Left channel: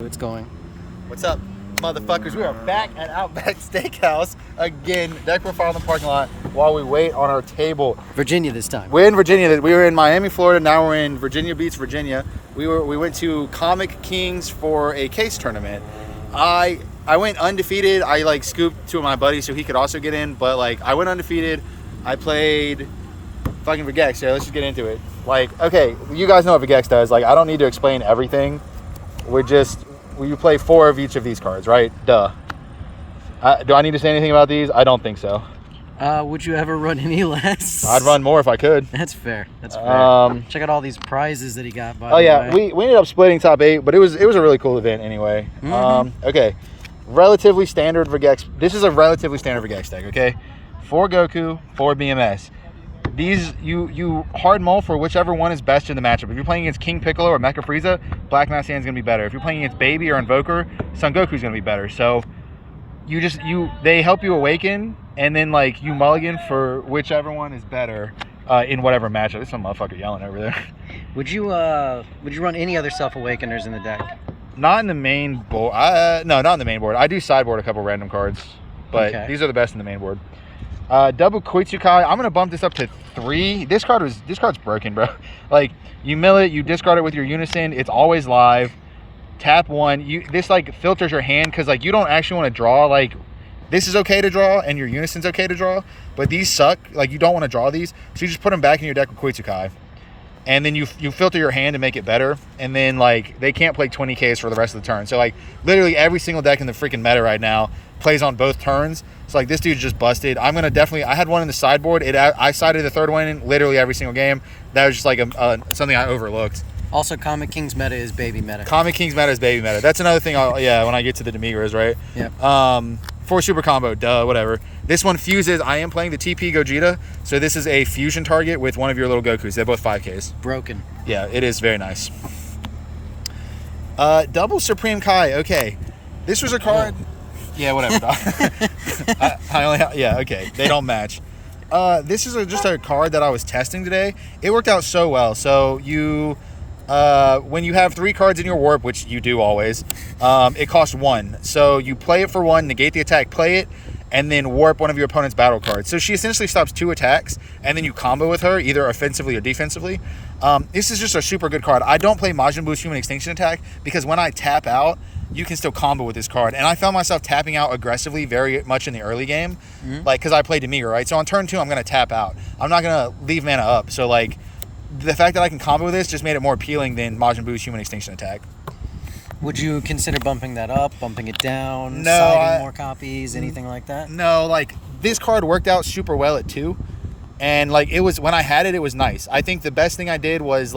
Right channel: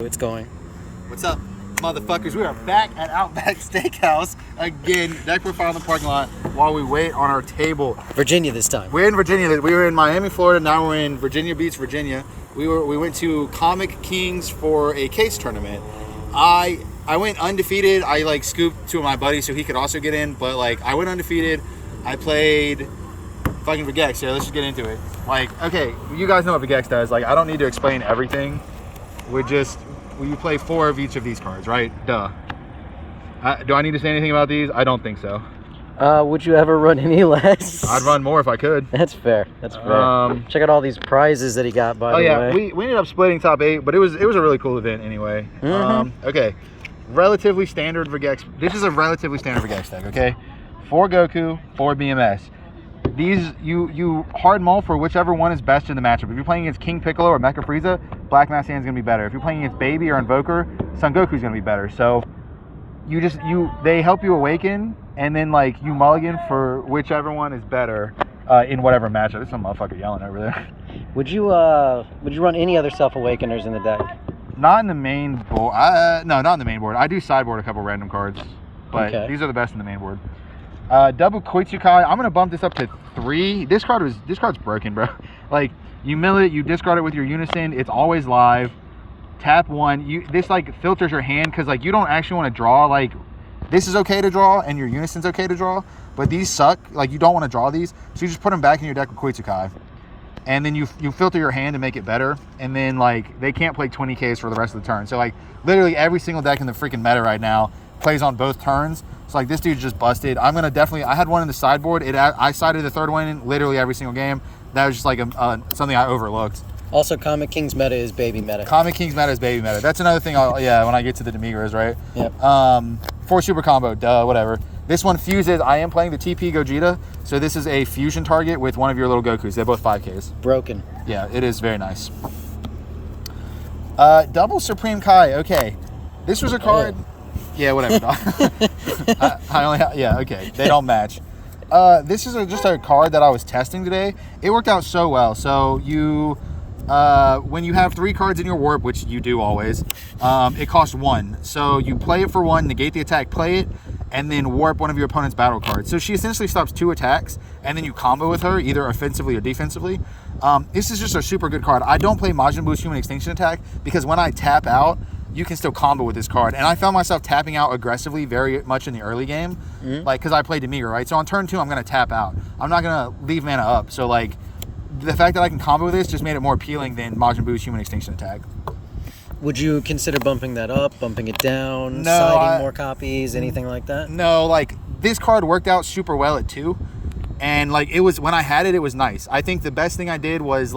It's going. What's up, motherfuckers? We are back at Outback Steakhouse again. Deck profile in the parking lot while we wait on our table. Virginia this time. We're in Virginia. We were in Miami, Florida. Now we're in Virginia Beach, Virginia. We went to Comic Kings for a case tournament. I went undefeated. I scooped two of my buddies so he could also get in, but I went undefeated. I played fucking Vegeks. Here, let's just get into it. Okay, you guys know what Vegeks does. I don't need to explain everything. You play 4 of each of these cards, right? Duh. Do I need to say anything about these? I don't think so. Would you ever run any less? I'd run more if I could. That's fair. That's fair. Check out all these prizes that he got, by the way. Oh, yeah. We ended up splitting top 8, but it was a really cool event anyway. Okay. Relatively standard Vegeks. This is a relatively standard Vegeks deck, okay? 4 Goku, 4 BMS. These, you hard mull for whichever one is best in the matchup. If you're playing against King Piccolo or Mecha Frieza, Black Mass Hand's going to be better. If you're playing against Baby or Invoker, Son Goku's going to be better. So, they help you awaken, and then, you mulligan for whichever one is better in whatever matchup. There's some motherfucker yelling over there. Would you run any other Self-Awakeners in the deck? Not in the main board. No, not in the main board. I do sideboard a couple random cards, but these are the best in the main board. Double Koitsukai. I'm gonna bump this up to 3. This card's broken, bro. You mill it, you discard it with your Unison. It's always live. Tap 1. This filters your hand because you don't actually want to draw. This is okay to draw and your Unison's okay to draw, but these suck. You don't want to draw these, so you just put them back in your deck with Koitsukai, and then you filter your hand to make it better. And then they can't play 20Ks for the rest of the turn. So literally every single deck in the freaking meta right now plays on both turns. So this dude's just busted. I'm gonna definitely. I had one in the sideboard. I sided the third one in literally every single game. That was just something I overlooked. Also, Comic King's meta is baby meta. Comic King's meta is baby meta. That's another thing. When I get to the Demigras, right? Yep. 4 super combo. Duh. Whatever. This one fuses. I am playing the TP Gogeta, so this is a fusion target with one of your little Gokus. They're both 5Ks. Broken. Yeah, it is very nice. Double Supreme Kai. Okay, this was a card. Yeah, whatever. I only okay. They don't match. This is just a card that I was testing today. It worked out so well. So when you have 3 cards in your warp, which you do always, it costs 1. So you play it for 1, negate the attack, play it, and then warp one of your opponent's battle cards. So she essentially stops 2 attacks, and then you combo with her, either offensively or defensively. This is just a super good card. I don't play Majin Buu's Human Extinction Attack because when I tap out, you can still combo with this card. And I found myself tapping out aggressively very much in the early game, because I played Demigra, right? So on turn 2, I'm going to tap out. I'm not going to leave mana up. So, the fact that I can combo with this just made it more appealing than Majin Buu's Human Extinction Attack. Would you consider bumping that up, bumping it down, no, siding more copies, anything like that? No, this card worked out super well at 2. And, it was, when I had it, it was nice. I think the best thing I did was,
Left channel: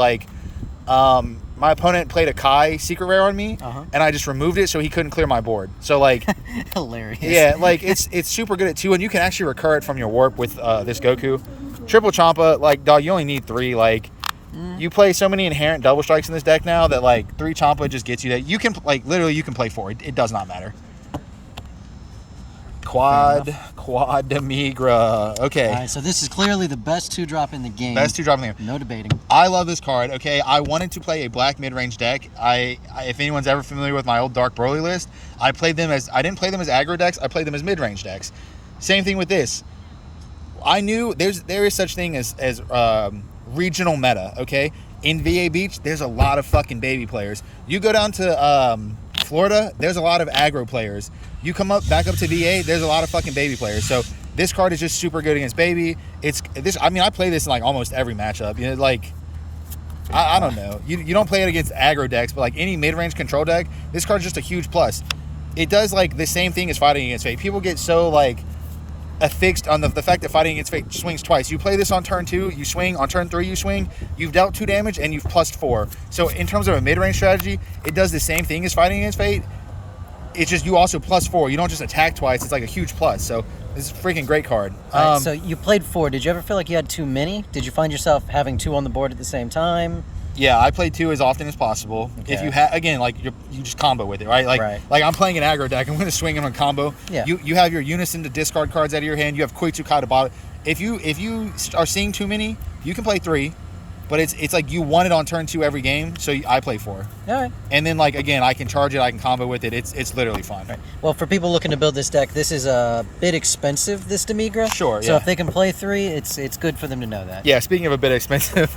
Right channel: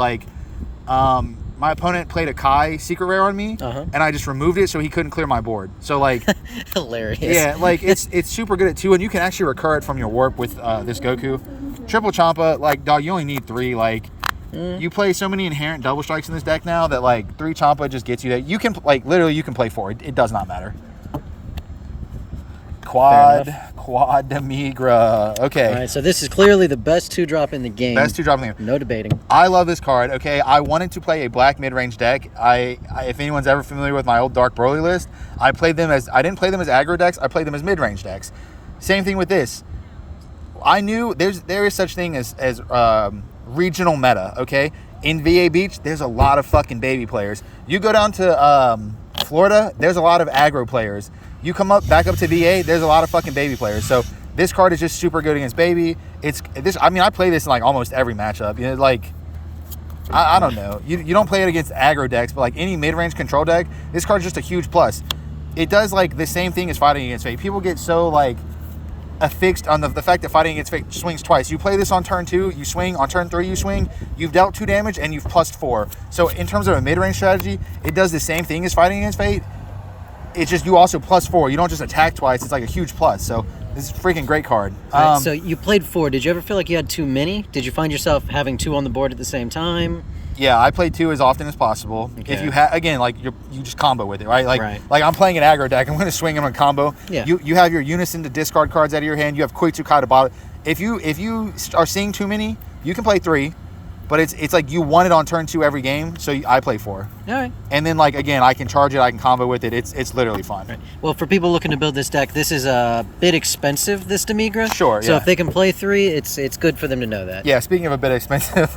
my opponent played a Kai secret rare on me, and I just removed it so he couldn't clear my board. So hilarious. Yeah, it's super good at 2, and you can actually recur it from your warp with this Goku. Triple Champa, dog, you only need 3. You play so many inherent double strikes in this deck now that 3 Champa just gets you that. You can literally you can play 4. It does not matter. Quad Demigra. Okay. All right, so this is clearly the best 2-drop in the game. Best 2-drop in the game. No debating. I love this card. Okay, I wanted to play a black mid-range deck. If anyone's ever familiar with my old Dark Broly list, I didn't play them as aggro decks. I played them as mid-range decks. Same thing with this. I knew there is such thing as regional meta. Okay, in VA Beach, there's a lot of fucking baby players. You go down to Florida, there's a lot of aggro players. You come back up to VA, there's a lot of fucking baby players. So this card is just super good against baby. I play this in almost every matchup. I don't know. You don't play it against aggro decks, but any mid-range control deck, this card's just a huge plus. It does the same thing as fighting against fate. People get so affixed on the fact that fighting against fate swings twice. You play this on turn 2, you swing. On turn 3, you swing. You've dealt 2 damage and you've plus 4. So in terms of a mid-range strategy, it does the same thing as fighting against fate. It's just you also plus 4. You don't just attack twice. It's a huge plus. So this is a freaking great card. Right, so you played 4. Did you ever feel like you had too many? Did you find yourself having 2 on the board at the same time? Yeah, I play 2 as often as possible. Okay. If you have, again, you just combo with it, right? I'm playing an aggro deck. I'm going to swing him on combo. Yeah. You have your Unison to discard cards out of your hand. You have Koitsukai to bottom. If you are seeing too many, you can play 3. But it's like you want it on turn 2 every game, so I play 4. All right. And then like again, I can charge it, I can combo with it. It's literally fun. Right. Well, for people looking to build this deck, this is a bit expensive, this Demigra. Sure, So yeah. if they can play 3, it's good for them to know that. Yeah, speaking of a bit expensive.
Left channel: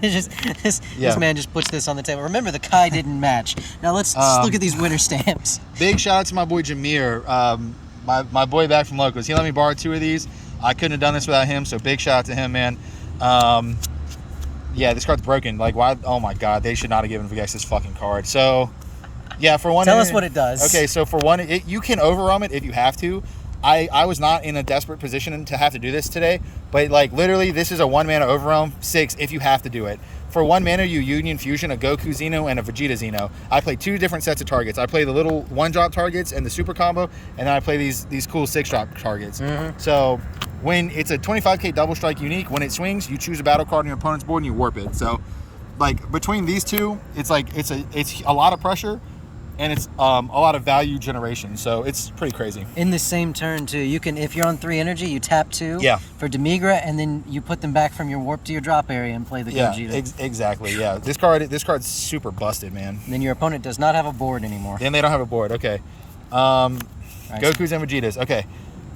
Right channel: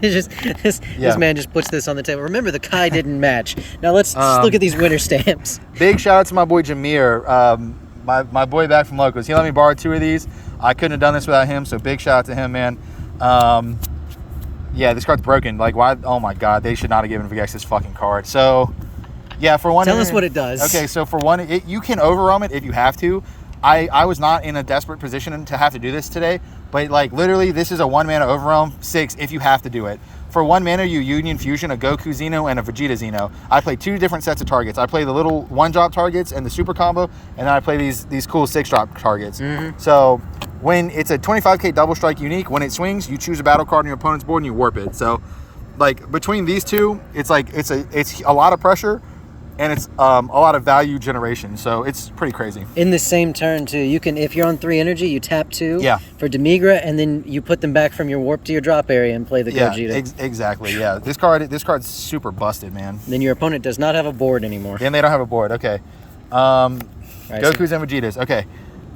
This man just puts this on the table. Remember, the Kai didn't match. Now let's look at these winner stamps. Big shout out to my boy Jameer, my boy back from Locals. He let me borrow 2 of these. I couldn't have done this without him, so big shout out to him, man. Yeah, this card's broken. Like, why? Oh my god, they should not have given Vegeks this fucking card. So, yeah, for one. Tell us what it does. Okay, so for one, you can overwhelm it if you have to. I was not in a desperate position to have to do this today, but like literally, this is a 1-mana overwhelm 6 if you have to do it. For 1 mana, you Union Fusion a Goku Zeno and a Vegeta Zeno. I play 2 different sets of targets. I play the little 1-drop targets and the super combo, and then I play these cool 6-drop targets. So when it's a 25k double strike unique, when it swings, you choose a battle card on your opponent's board and you warp it. So like between these two, it's like it's a lot of pressure, and it's a lot of value generation, so it's pretty crazy. In the same turn too, you can, if you're on 3 energy, you tap 2 for Demigra, and then you put them back from your warp to your drop area and play the Gogeta. Exactly. Yeah, this card's super busted, man. Then your opponent does not have a board anymore. Then they don't have a board. Okay. Goku's and Vegetas. Okay,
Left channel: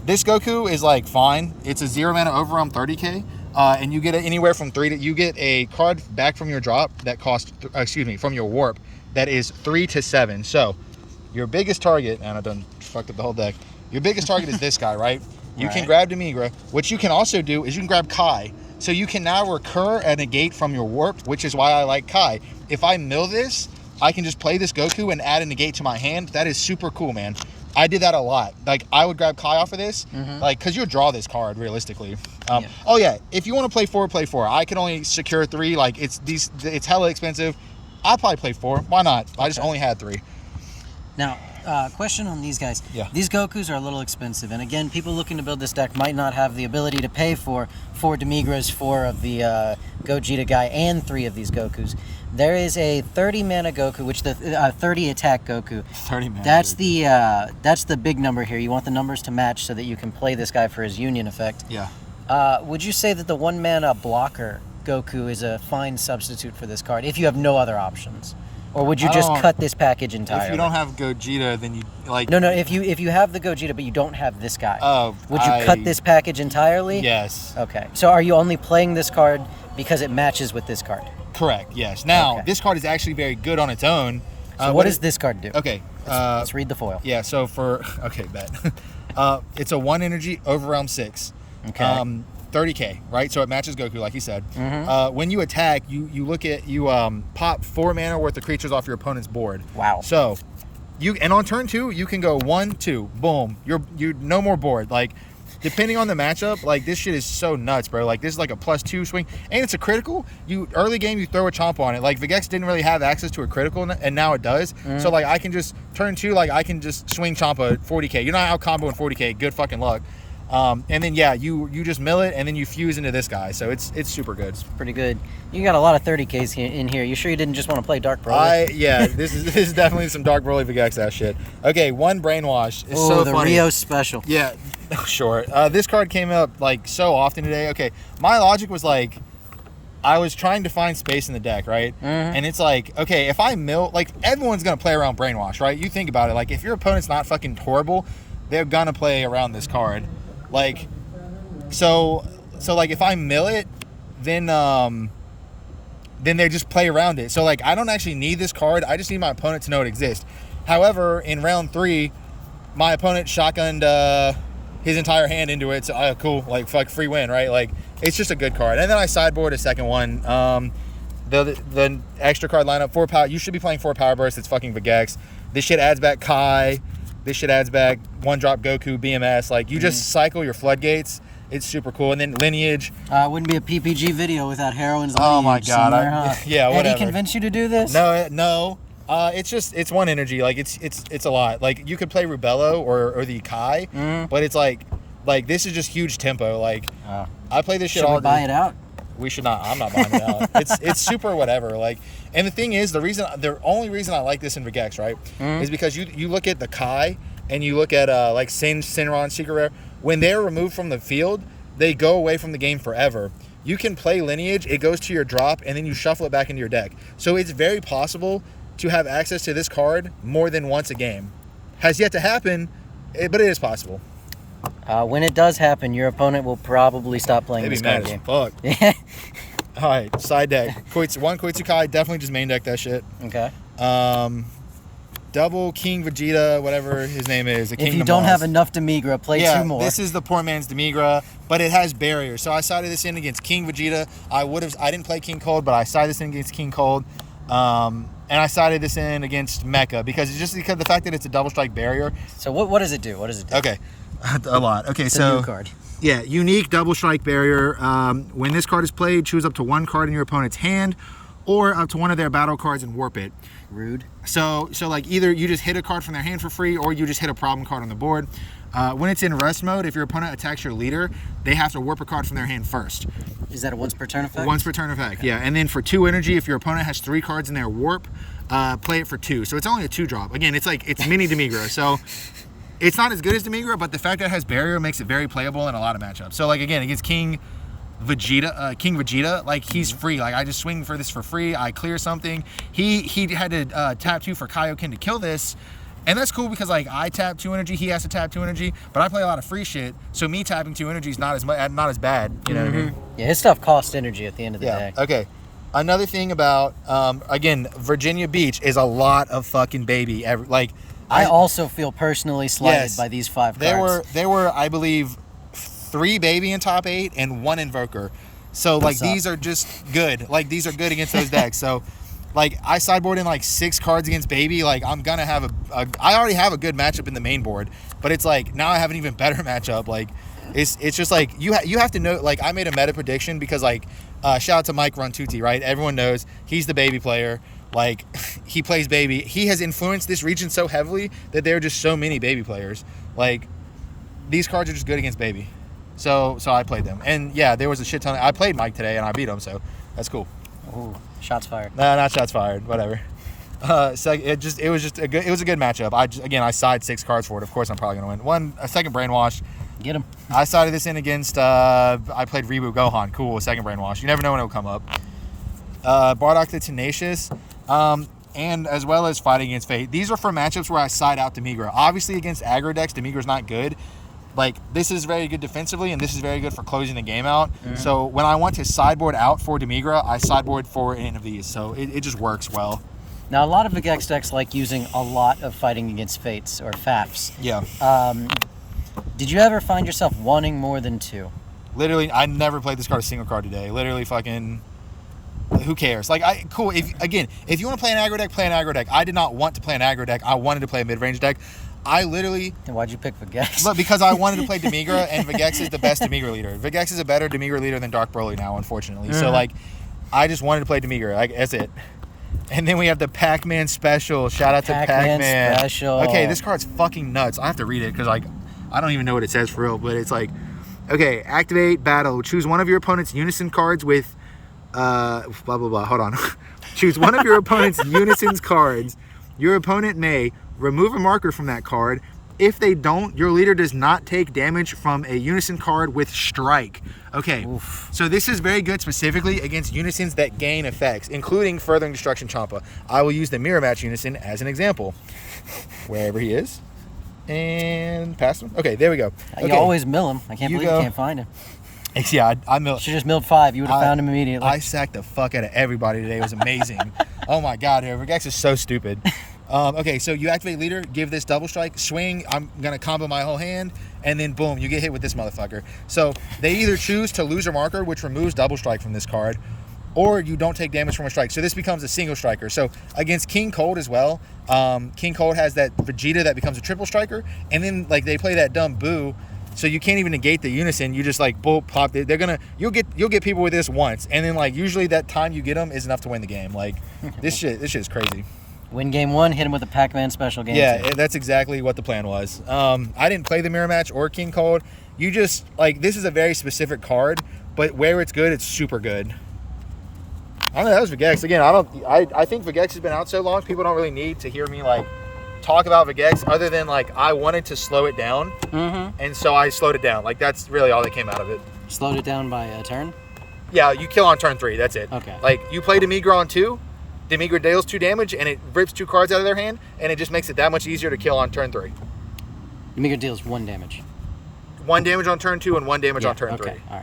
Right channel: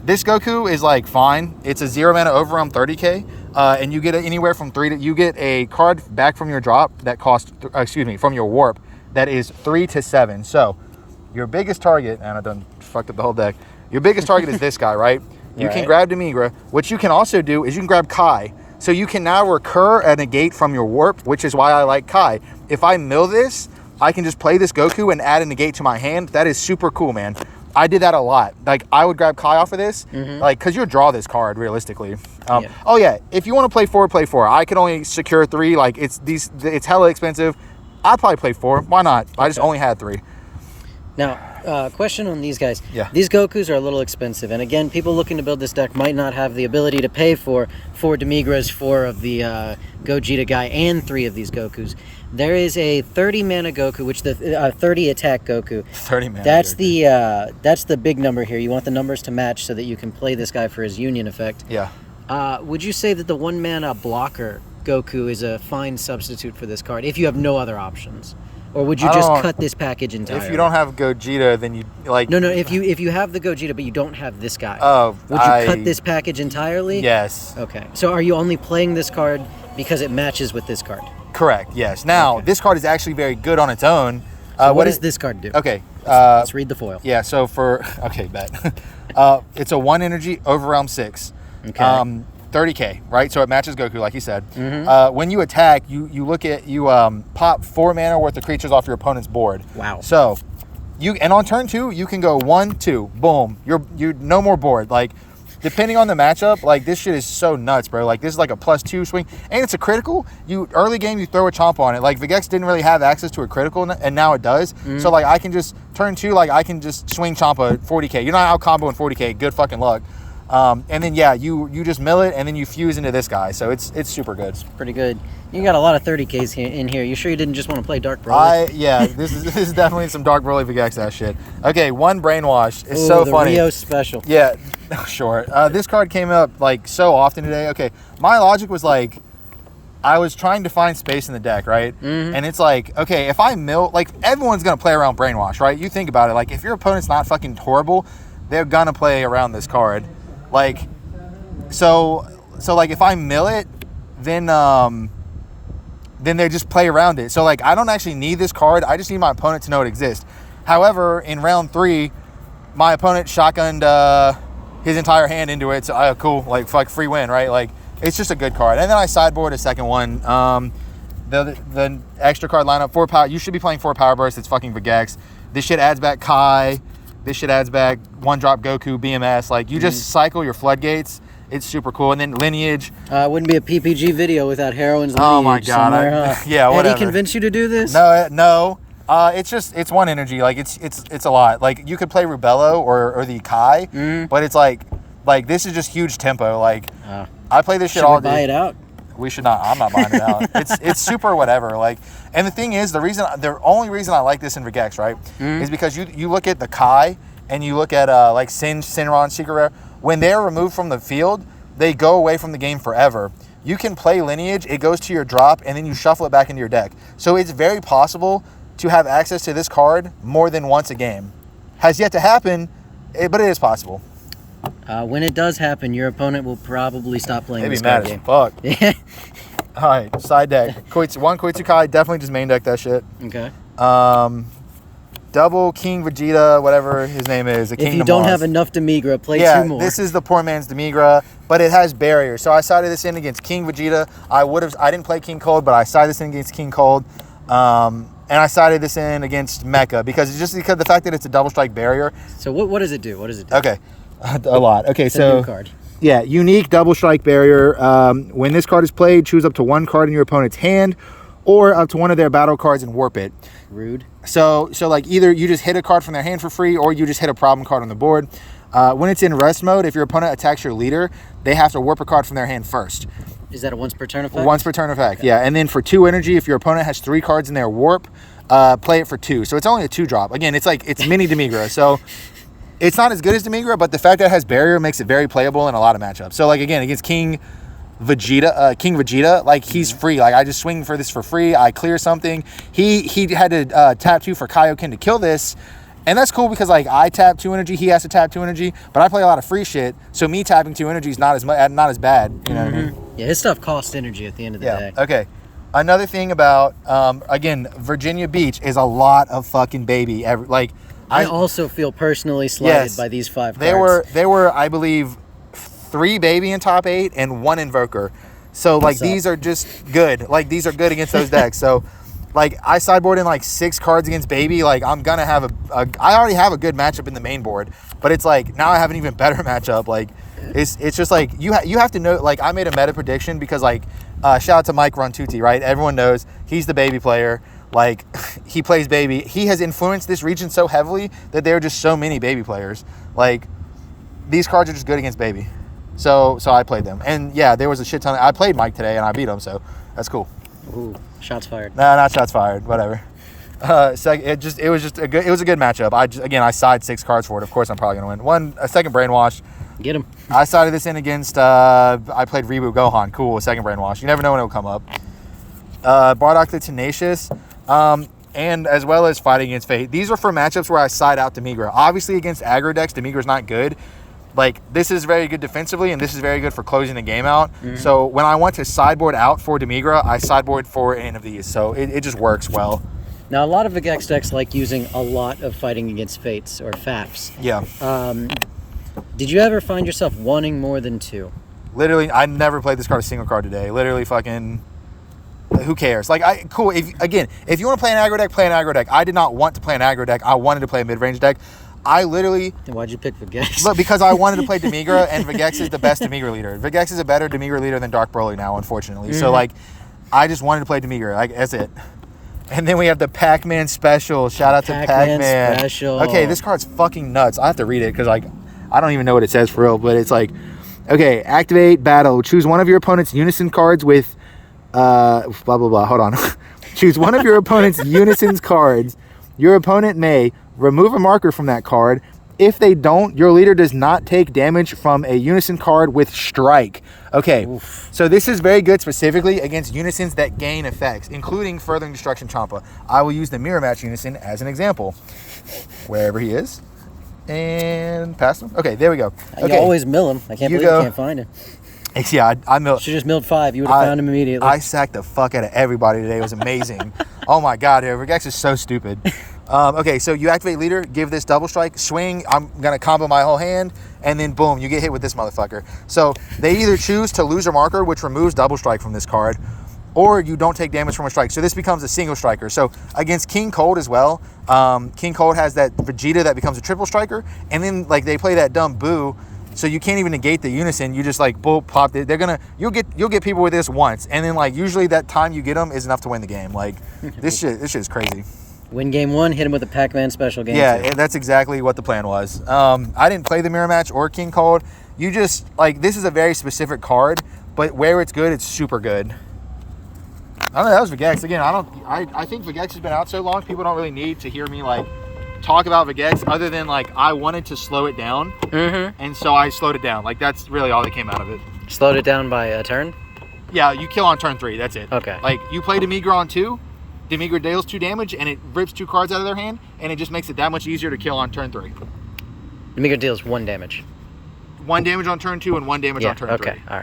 this Goku is like fine. It's a 0-mana overwhelm 30k. And you get anywhere from 3 to, you get a card back from your drop that costs, from your warp, that is 3 to 7. So your biggest target, and I done fucked up the whole deck. Your biggest target is this guy, right? You can grab Demigra. What you can also do is you can grab Kai. So you can now recur a negate from your warp, which is why I like Kai. If I mill this, I can just play this Goku and add a negate to my hand. That is super cool, man. I did that a lot. Like, I would grab Kai off of this, like, because you'll draw this card realistically. Oh yeah, if you want to play 4, play 4. I can only secure 3. Like, it's hella expensive. I'd probably play 4. Why not? I just only had 3. Now, question on these guys. Yeah. These Gokus are a little expensive, and again, people looking to build this deck might not have the ability to pay for 4 Demigras, 4 of the Gogeta guy, and 3 of these Gokus. There is a 30 mana Goku, which the 30 attack Goku. 30 mana. That's the big number here. You want the numbers to match so that you can play this guy for his Union effect. Yeah. Would you say that the 1 mana blocker Goku is a fine substitute for this card if you have no other options? Or would you just cut this package entirely? If you don't have Gogeta, then you like... No, if you have the Gogeta, but you don't have this guy. Oh, would you cut this package entirely? Yes. Okay. So are you only playing this card because it matches with this card? Correct, yes. Now, this card is actually very good on its own. So what does this card do? Okay. Let's read the foil. Yeah, so for... Okay, bet. It's a 1 energy overwhelm 6. Okay. 30k, right? So it matches Goku, like you said. When you attack, you pop 4 mana worth of creatures off your opponent's board. Wow. So and on turn 2, you can go 1, 2, boom. You're no more board. Like, depending on the matchup, like, this shit is so nuts, bro. Like, this is like a +2 swing, and it's a critical. Early game, you throw a chomp on it. Like, Vegeks didn't really have access to a critical, and now it does. So like, I can just turn 2, like, I can just swing chomp a 40k. You're not out comboing 40k. Good fucking luck. And then you just mill it, and then you fuse into this guy. So it's super good. It's pretty good. You got a lot of 30Ks in here. You sure you didn't just want to play Dark Broly? This is definitely some Dark Broly Vegeks ass shit. Okay, 1 Brainwash. It's so the funny. Rio special. Yeah, sure. This card came up like so often today. Okay, my logic was like, I was trying to find space in the deck, right? And it's like, okay, if I mill, like, everyone's gonna play around Brainwash, right? You think about it. Like, if your opponent's not fucking horrible, they're gonna play around this card. Like, so like, if I mill it, then they just play around it. So like, I don't actually need this card. I just need my opponent to know it exists. However, in round 3, my opponent shotgunned his entire hand into it. So cool, like, fuck, free win, right? Like, it's just a good card. And then I sideboard a second one. The extra card lineup, 4 power. You should be playing 4 power bursts. It's fucking Vegeks. This shit adds back Kai. This shit adds back 1-drop Goku, BMS. Like, you just cycle your floodgates. It's super cool. And then Lineage. Wouldn't be a PPG video without Heroine's Lineage. Oh my god. Yeah, whatever. Eddie convinced you to do this? No. It's 1 energy. Like, it's a lot. Like, you could play Rubello or the Kai, but it's like this is just huge tempo. Like, I play this shit all day. Should we buy it out? We should not. I'm not buying it out. It's super whatever. Like, and the thing is, the only reason I like this in Vegeks, right, is because you look at the Kai and you look at like Sinron, Secret Rare. When they're removed from the field, they go away from the game forever. you can play Lineage, it goes to your drop, and then you shuffle it back into your deck. So it's very possible to have access to this card more than once a game. Has yet to happen, but it is possible. When it does happen, your opponent will probably stop playing this card game. Fuck. Yeah. All right, side deck. One Koitsukai, definitely just main deck that shit. Okay. Double King Vegeta, whatever his name is. If you don't have enough Demigra, play 2 more. This is the poor man's Demigra, but it has barriers. So I sided this in against King Vegeta. I didn't play King Cold, but I sided this in against King Cold. And I sided this in against Mecha because the fact that it's a double strike barrier. So what does it do? What does it do? Okay, a lot. Okay, it's so a new card. Yeah, unique double strike barrier. When this card is played, choose up to 1 card in your opponent's hand, or up to 1 of their battle cards and warp it. Rude. So like either you just hit a card from their hand for free, or you just hit a problem card on the board. When it's in rest mode, if your opponent attacks your leader, they have to warp a card from their hand first. Is that a once per turn effect? Once per turn effect, okay. Yeah. And then for 2 energy, if your opponent has 3 cards in their warp, play it for 2. So it's only a 2-drop. Again, it's mini Demigra. So it's not as good as Demigra, but the fact that it has barrier makes it very playable in a lot of matchups. So like again, against King Vegeta, like he's free. Like I just swing for this for free. I clear something. He had to tap 2 for Kaioken to kill this. And that's cool because like I tap 2 energy, he has to tap 2 energy, but I play a lot of free shit, so me tapping 2 energy is not as bad. You know what I mean? Yeah, his stuff costs energy at the end of the day. Okay. Another thing about again, Virginia Beach is a lot of fucking baby. I also feel personally slighted by these 5 cards. There were I believe 3 baby in top 8 and 1 invoker. So like these are just good. Like these are good against those decks. So like I sideboard in like 6 cards against baby. Like I'm gonna have I already have a good matchup in the main board, but it's like now I have an even better matchup. Like it's just like you have to know. Like I made a meta prediction because like shout out to Mike Runtuti, right? Everyone knows he's the baby player. Like he plays baby. He has influenced this region so heavily that there are just so many baby players. Like these cards are just good against baby. So I played them, and yeah, there was a shit ton. I played Mike today and I beat him, so that's cool. Ooh, shots fired. No, not shots fired. Whatever. It was a good matchup. I side 6 cards for it. Of course, I'm probably gonna win. A second brainwash. Get him. I sided this in against. I played Reboot Gohan. Cool. A second brainwash. You never know when it'll come up. Bardock the Tenacious. And as well as fighting against Fate. These are for matchups where I side out Demigra. Obviously, against aggro decks, Demigra's not good. Like, this is very good defensively, and this is very good for closing the game out. Mm-hmm. So when I want to sideboard out for Demigra, I sideboard for any of these. So it just works well. Now, a lot of Vegeks decks like using a lot of fighting against Fates, or FAFs. Yeah. Did you ever find yourself wanting more than 2? Literally, I never played this card a single card today. Literally fucking... Who cares? Like, cool. If you want to play an aggro deck, play an aggro deck. I did not want to play an aggro deck. I wanted to play a mid-range deck. I literally... Then why'd you pick Vegeks? Look, because I wanted to play Demigra, and Vegeks is the best Demigra leader. Vegeks is a better Demigra leader than Dark Broly now, unfortunately. Mm-hmm. So, like, I just wanted to play Demigra. Like, that's it. And then we have the Pac-Man special. Shout out to Pac-Man. Special. Okay, this card's fucking nuts. I have to read it because, like, I don't even know what it says for real, but it's like, okay, activate battle. Choose one of your opponent's Unison cards with... blah blah blah, hold on. Choose one of your opponent's Unison's cards. Your opponent may remove a marker from that card. If they don't, your leader does not take damage from a Unison card with strike. Okay. Oof. So this is very good specifically against Unisons that gain effects, including Furthering Destruction Champa. I will use the Mirror Match Unison as an example. Wherever he is. And pass him. Okay, there we go. Okay. You always mill him. I can't believe you can't find him. Yeah, I milled. Should just milled 5. You would have found him immediately. I sacked the fuck out of everybody today. It was amazing. Oh my god, Vegeks is so stupid. Okay, so you activate leader, give this double strike, swing. I'm gonna combo my whole hand, and then boom, you get hit with this motherfucker. So they either choose to lose a marker, which removes double strike from this card, or you don't take damage from a strike. So this becomes a single striker. So against King Cold as well, King Cold has that Vegeta that becomes a triple striker, and then like they play that dumb Boo. So you can't even negate the Unison. You just like boop, pop it. You'll get people with this once, and then like usually that time you get them is enough to win the game. Like this shit is crazy. Win game 1, hit him with a Pac-Man special game 2. Yeah, that's exactly what the plan was. I didn't play the Mirror Match or King Cold. You just like this is a very specific card, but where it's good, it's super good. I don't know. That was Vegeks again. I think Vegeks has been out so long, people don't really need to hear me like talk about Vegeks other than like I wanted to slow it down, and so I slowed it down. Like that's really all that came out of it. Slowed it down by a turn? Yeah, you kill on turn 3. That's it. Okay. Like, you play Demigra on 2, Demigra deals 2 damage, and it rips 2 cards out of their hand, and it just makes it that much easier to kill on turn 3. Demigra deals 1 damage. 1 damage on turn 2 and 1 damage on turn 3. Okay. All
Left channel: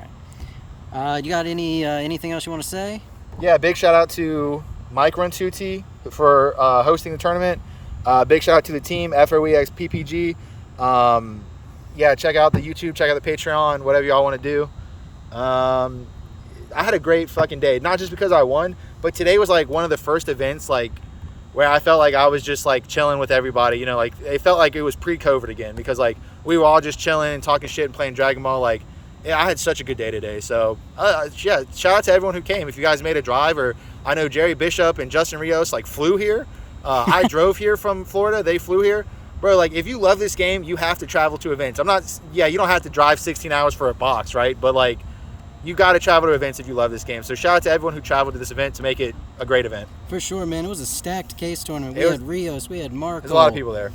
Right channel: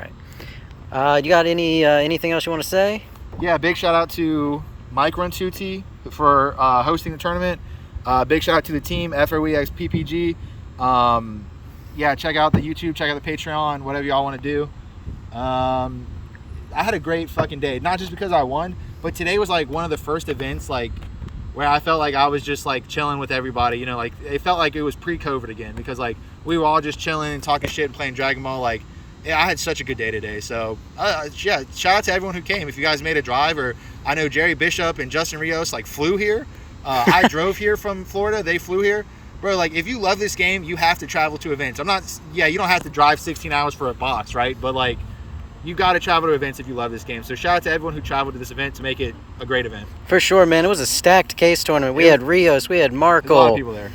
right. You got anything else you want to say? Yeah, big shout out to Mike Runtuti for hosting the tournament. Big shout out to the team, FOEX PPG. Yeah, check out the YouTube, check out the Patreon, whatever y'all want to do. I had a great fucking day, not just because I won, but today was like one of the first events like where I felt like I was just like chilling with everybody, you know, like it felt like it was pre-COVID again, because like we were all just chilling and talking shit and playing Dragon Ball. Like, yeah, I had such a good day today. So yeah, shout out to everyone who came. If you guys made a drive, or I know Jerry Bishop and Justin Rios like flew here. I drove here from Florida, they flew here. Bro, like, if you love this game, you have to travel to events. You don't have to drive 16 hours for a box, right? But, like, you got to travel to events if you love this game. So, shout out to everyone who traveled to this event to make it a great event. For sure, man. It was a stacked case tournament. We had Rios, we had Marco. There's a lot of people there.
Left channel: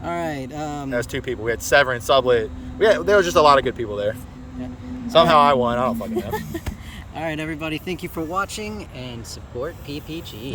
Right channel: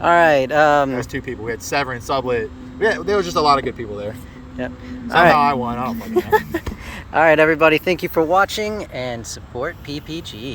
All right. There was 2 people. We had Severin, Sublet. There was just a lot of good people there. Yeah. Somehow I won. I don't fucking know. All right, everybody. Thank you for watching, and support PPG. Yep.